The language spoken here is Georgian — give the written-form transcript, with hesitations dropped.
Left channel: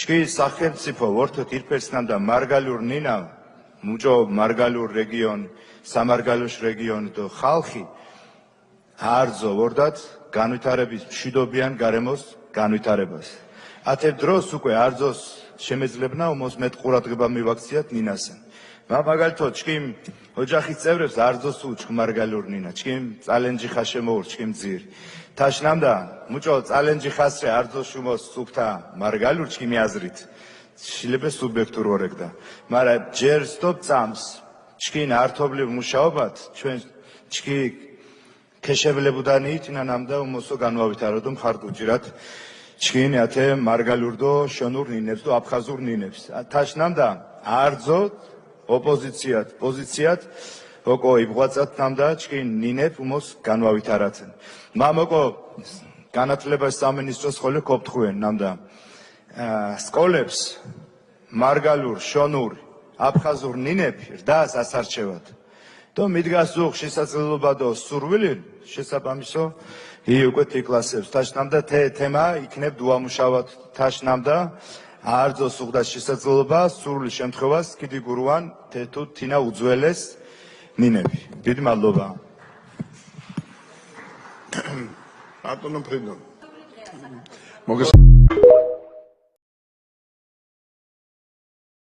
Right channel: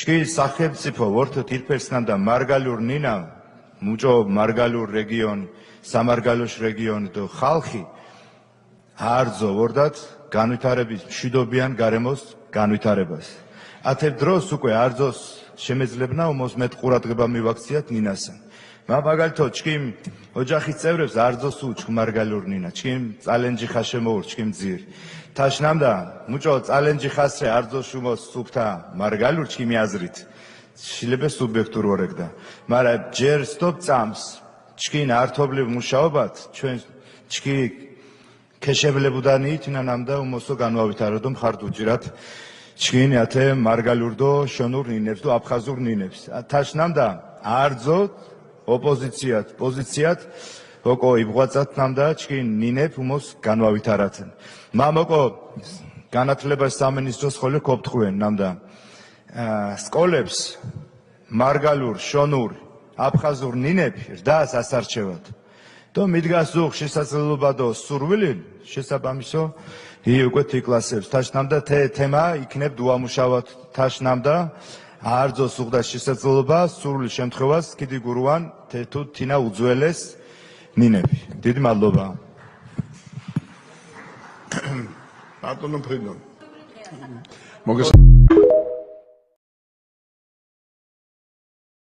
Çki სახელმწიფო ვორთოთ ირფერსნამდა მარგალურ ნინა მუჭო მარგალურ რეგიონ სამარგალოშ რეგიონ და ხალხი არძო ვორდათ განვითარების მშვიდობიან გარემოს განვითარებას. ათებ დროს უკვე არძოს შემეძლებნა უმოს მეტ ყურადღება მივაქციათ ნინასა. მაგალითად ჩქიმ ოჯახის წევრებს არძოს უჩქ მარგალურ ნინა ჩქიმ წალენჯი ხაშემოურ ჩქიმ ძირი თაშნამდა მუჭო წალენჯი ხასრე არძოს უმოს სუფთა მარგალურ ჩქიმი აზრით შილებე სუბიექტურ ვორეგდა მარა ჯერ სტოპ წამს ჩქინ ართობლივ მუშაობათ ჩვენ ჩქი ქეშებლებუდანი თინანამდა უმოსო განვავითაროდო მხარდ უჭირათ ჩქინ ათე მარგალურდო შონურ ნინებს და აფხაზურ ნინებს თაშნამდა არძოთ ოპოზიციათ პოზიციათ ოკო იბღვაწათ ნამდა ჩქინ ნინებ უმოს განვავითარათენ მამაკო განათლებას სამინისტროს ხოლე კოპთხუენ ნამდა სკოლებს მარგალურ შონურ აფხაზურ ნინები რდას ასარჩევათ და მიდგას უხ შესაძლებლობა და სურვილი შესაბამისო უკვე თიკლასებს თაშნამდა თემა იქნებ დუამუშავათ თაშნამდა არძოს უხდა შესაძლებლობა სრული შემთხვევას კიდი გურუან თუ თინა უძველეს ნინები დიდი მადლობა ბატონო ფრიდონ